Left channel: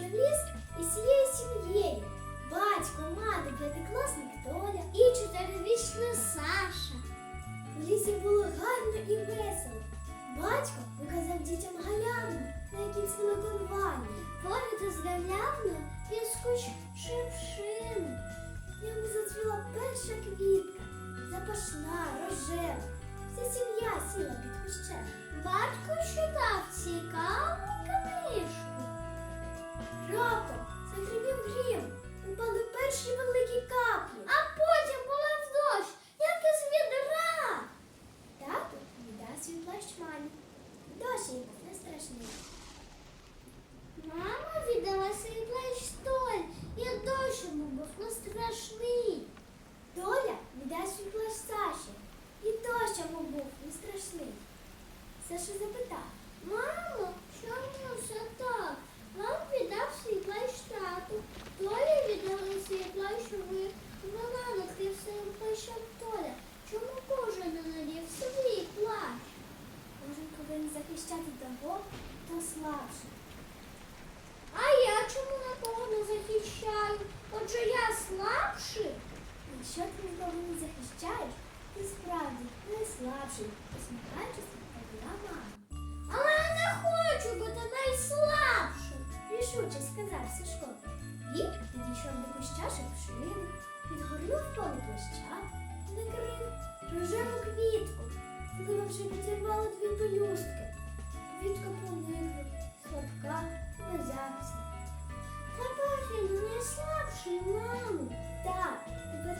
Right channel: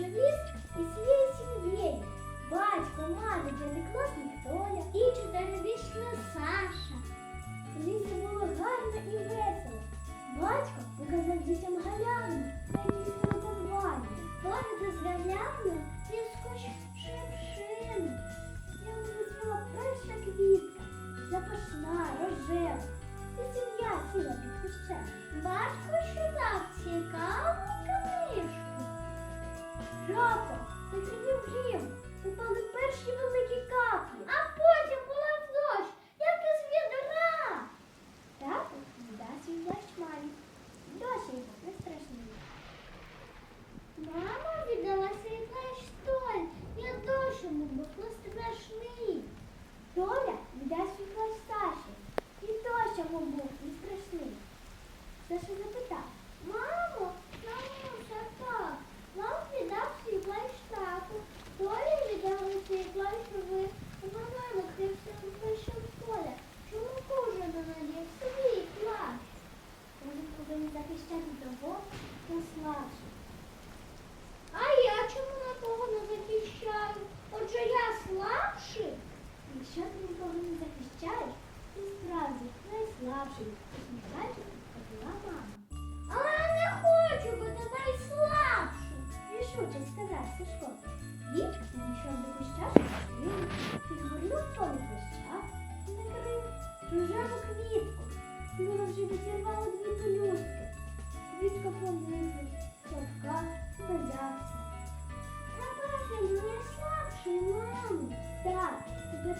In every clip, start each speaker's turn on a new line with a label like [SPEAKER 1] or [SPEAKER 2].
[SPEAKER 1] вийшли в ліс сім'єю. Батько, мама, дев'ятикласник Толя і чотирирічна Саша. В лісі було гарно і весело. Батько показав дітям галяну, на якій стали танвані. Погляду з галявну я скочив шевшину. Йому зацвіла перша квітка, запашна, рожева. Ця сім'я сіла під кущем. Батько читав цікаву Досі не страшний. Мама віддала свій плащ Толь. Я дощ не був не страшний. Доля віддасть свій плащ Саші. І дощ йому був не страшний. Саша запитав, мамо, чому все так? Вам віддав свій плащ тату. Толі віддали свій плащ ви. Вона накрив своїм плащем Толя. Чому кожен не надів свій плащ? Кожен повинен захищати того, хто слабший. А я чому нікого не захищаю? Отже, я слабший? Якщо ти нікого не захищаєш, ти справді найслабший, посміхаючись, відповіла мама. Але я не хочу бути найслабшим, рішуче сказав Сашко. Він підійшов до куща шипшини, підгорнув поле плаща і накрив рожеву квітку. Вона вже відірвала дві пелюстки.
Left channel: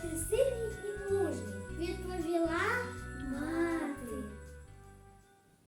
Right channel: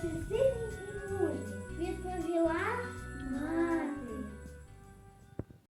[SPEAKER 1] This is